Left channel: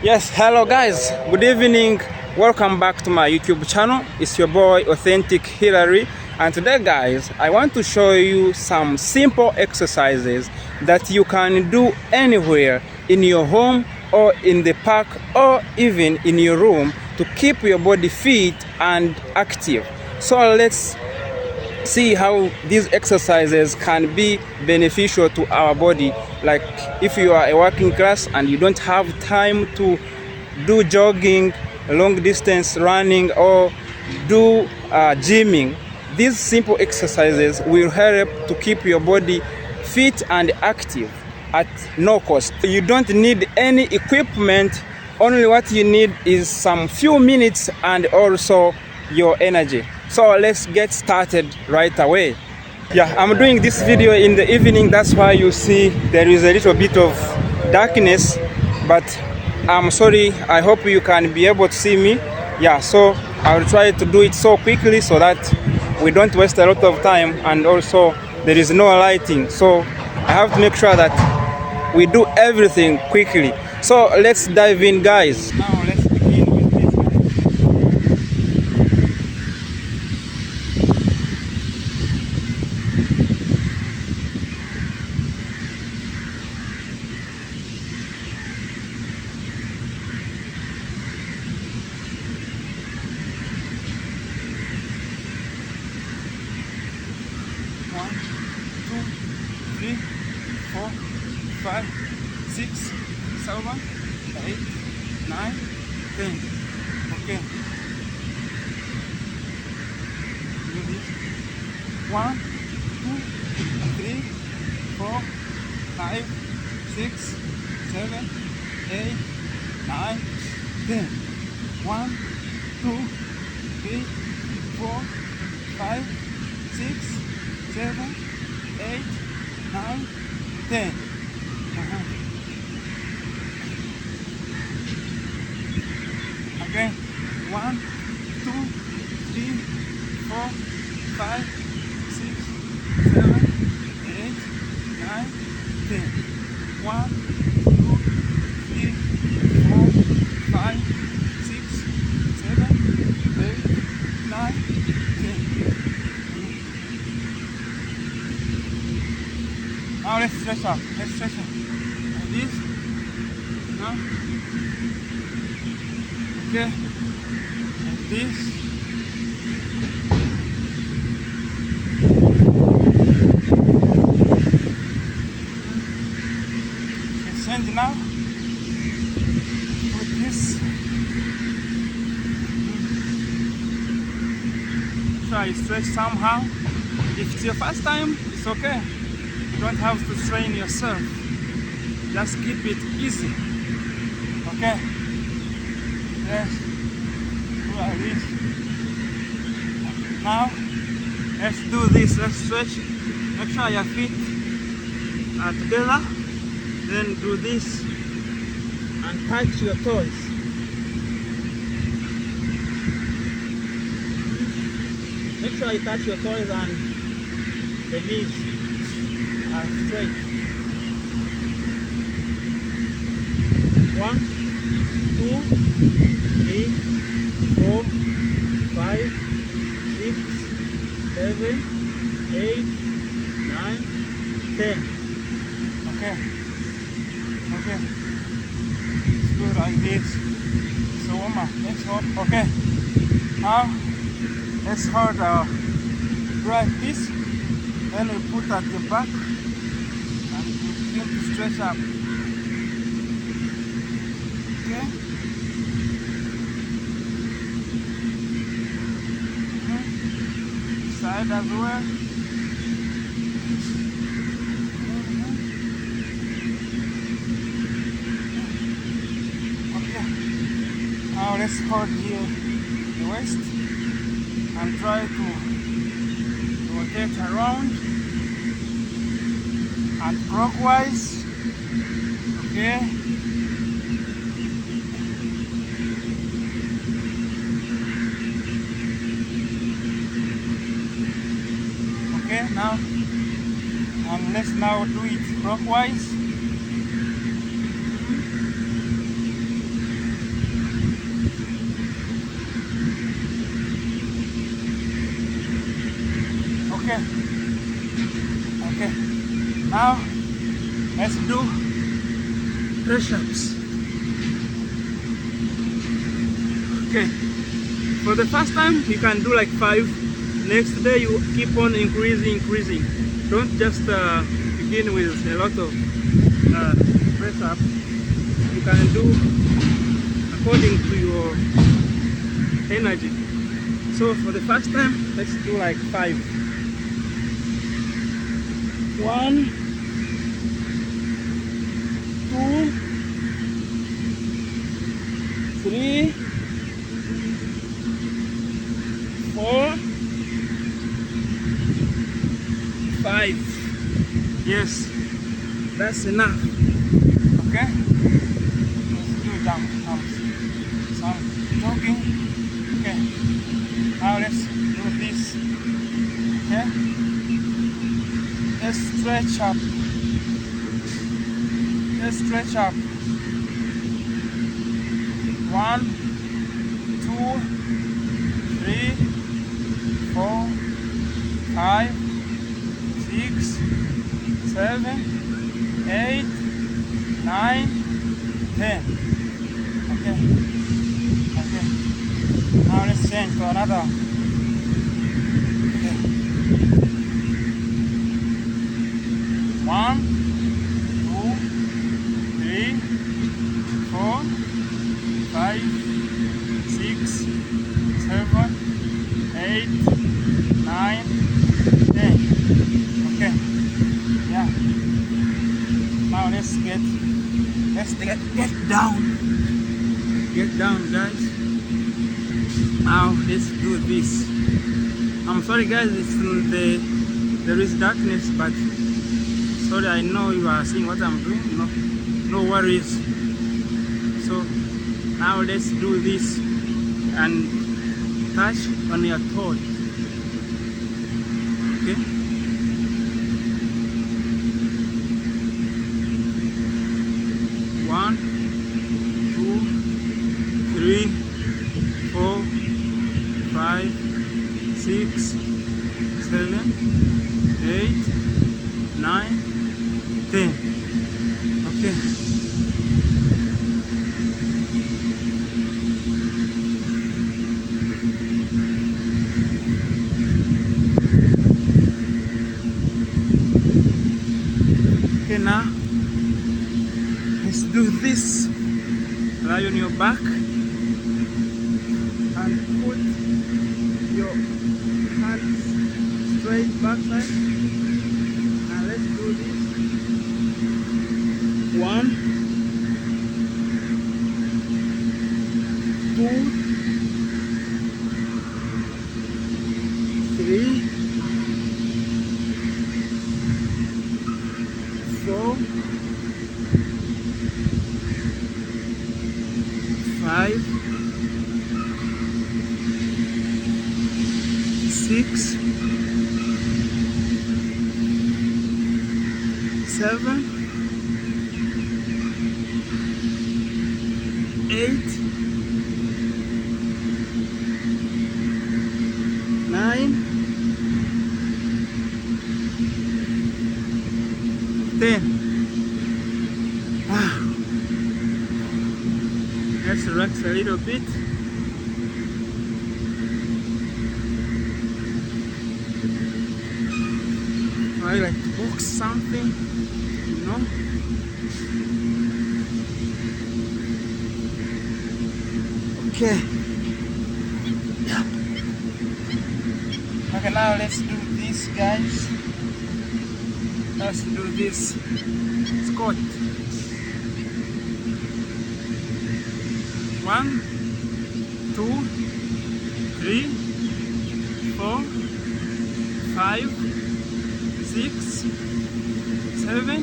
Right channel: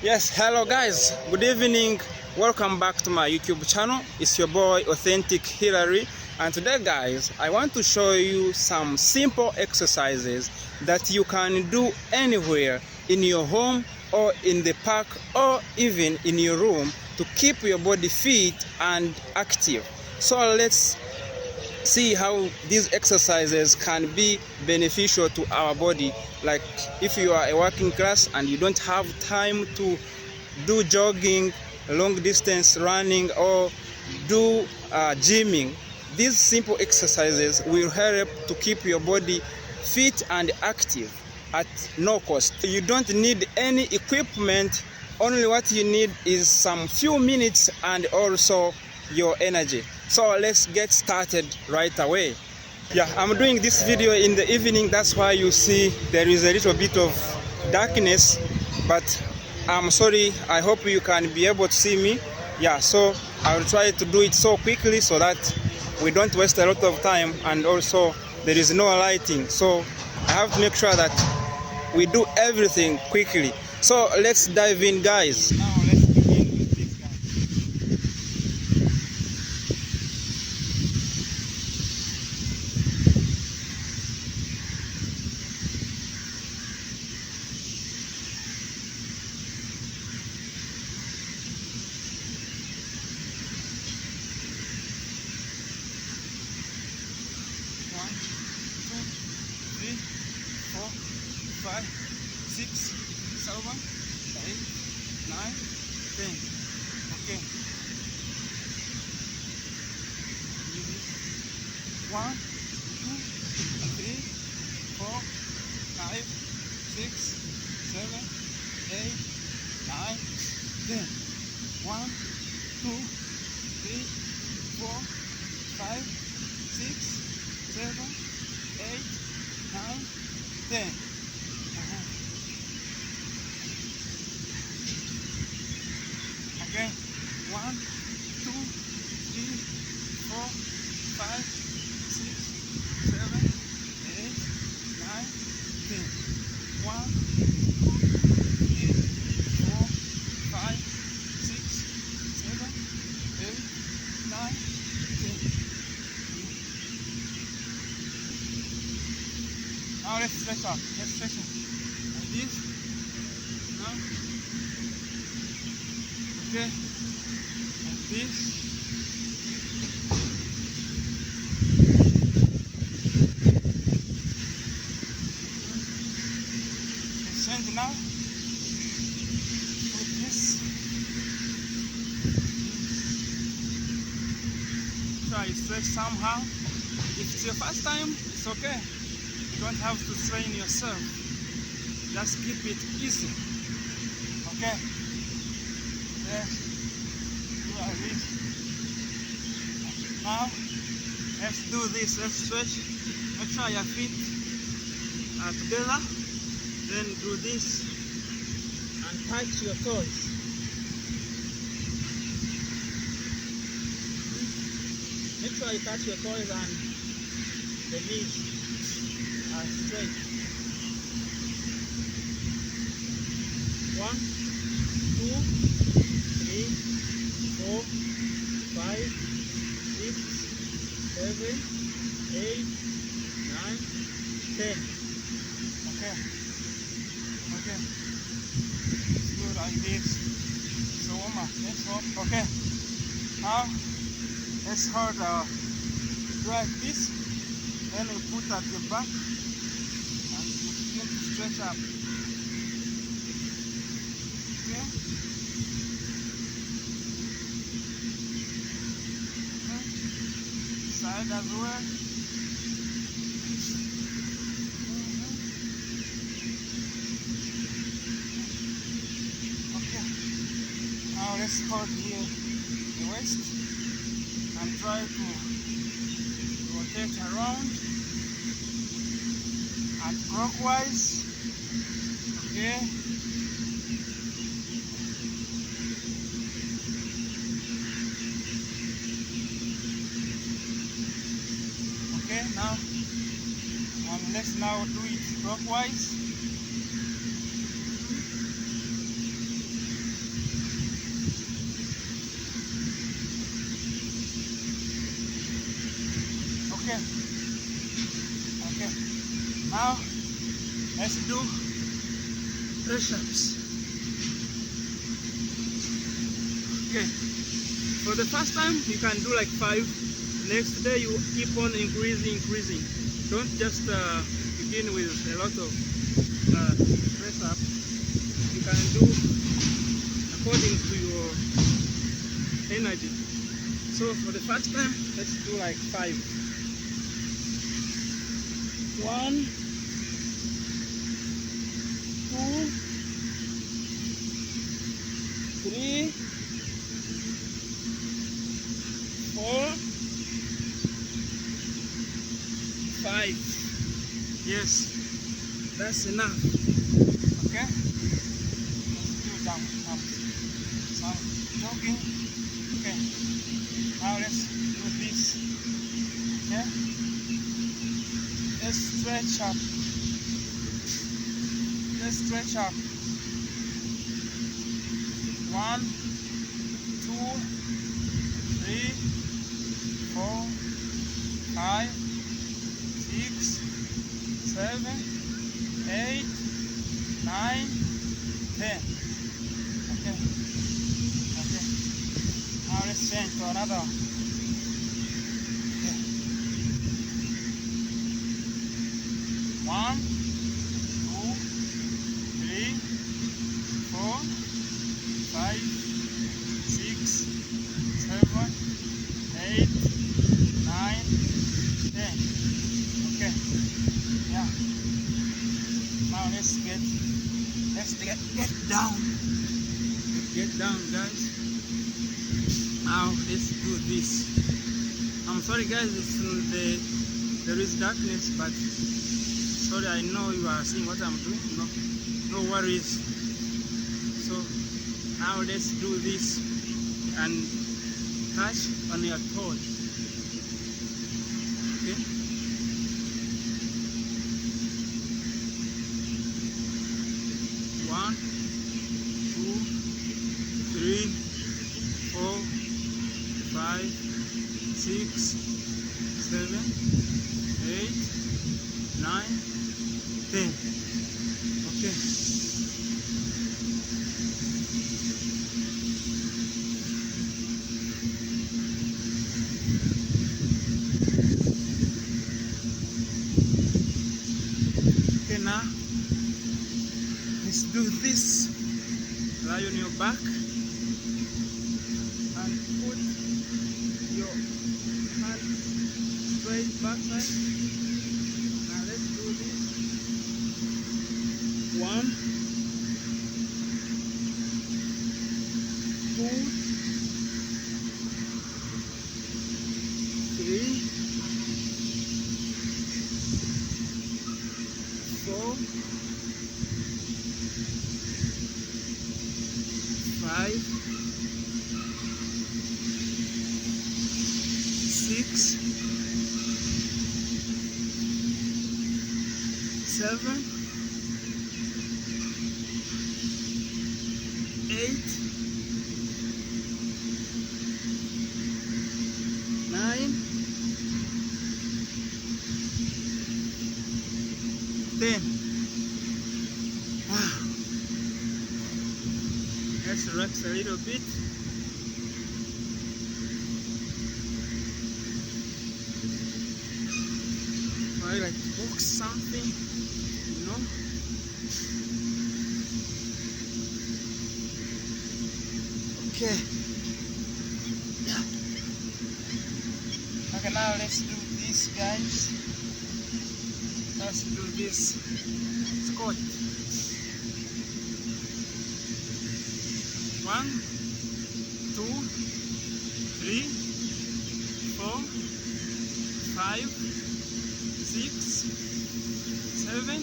Yes, hello guys, good evening. Welcome back to my YouTube channel. It's your boy Authentic Hillary, and today guys I want to show you some simple exercises that you can do anywhere in your home or in the park or even in your room to keep your body fit and active. So let's see how these exercises can be beneficial to our body. Like if you are a working class and you don't have time to do jogging, long distance running, or do gymming, these simple exercises will help to keep your body fit and active at no cost. You don't need any equipment. Only what you need is some few minutes and also your energy. So let's get started right away. Yeah, I'm doing this video in the evening. That's why you see there is a little bit of darkness, but I'm sorry. I hope you can be able to see me. Yeah, so I'll try to do it so quickly so that we don't waste a lot of time, and also there is no lighting. So I have to make sure that we do everything quickly. So let's dive in, guys. Now let's begin with this. One, two, three, four, 5, 6, 7, 8, 9, 10. Okay. 1, 2, 3, 4, 5, 6, 7, 8, 9, 10. 1, 2, 3, 4, 5, 6, 7, 8, 9, 10. Again, 1, 2, 3, 4, 5, 6, 7, 8, 9, 10. 1, 2, 3, 4, 5, 6, 7, 8, 9, 10. Now let's stretch up. Let's stretch up. Like this. Now. Okay. Like this. Let's change now. Put this. Try stretch somehow. If it's your first time, it's okay. You don't have to strain yourself. Just keep it easy. Okay? Yes. Do like this. Now, let's do this. Let's stretch. Make sure your feet are together. Then do this and touch your toes. Make sure you touch your toes and the knees are straight. 1, 2, 3, 4, 5, 6, 7, 8, 9, 10. Okay. Okay. Let's do like this. So let's hold. Okay. Now let's hold our like this. Then we put at the back and we begin to stretch up. Okay? Side as well. Okay. Now let's hold here the waist and try to rotate around and clockwise. Okay. Okay, now and let's now do it clockwise. Now let's do press-ups. Okay, for the first time you can do like 5. Next day you keep on increasing. Don't just begin with a lot of press-ups. You can do according to your energy. So for the first time, let's do like 5. 1, 2, 3, 4, 5. Yes, that's enough. Okay, let's do some jogging. Okay, now let's do this. Okay, let's stretch up. Let's stretch up. 1, 2, 3, 4, 5, 6, 7, 8, 9, 10. Okay. Now let's change to another. Okay. 1, 2, 3, 4, 5, 6, 7, 8, 9, 10. Okay. Yeah. Now let's get down. Get down, guys. Now let's do this. I'm sorry, guys. There is darkness, but sorry. I know you are seeing what I'm doing. No worries. So now let's do this and touch on your toes. Okay. One, 2, 3, 4, 5, 6, 7, 8, 9, 10. Okay. Okay, now let's do this. Lie on your back and put your hands straight backside. Now let's do this. 1, 2, 3, 4, 5, 6, 7, 8, 9, 10. Wow. Let's relax a little bit. I like to box something, you know. Okay. Okay, now let's do this, guys. Let's do this squat. 1, 2, 3, 4, 5, 6, 7,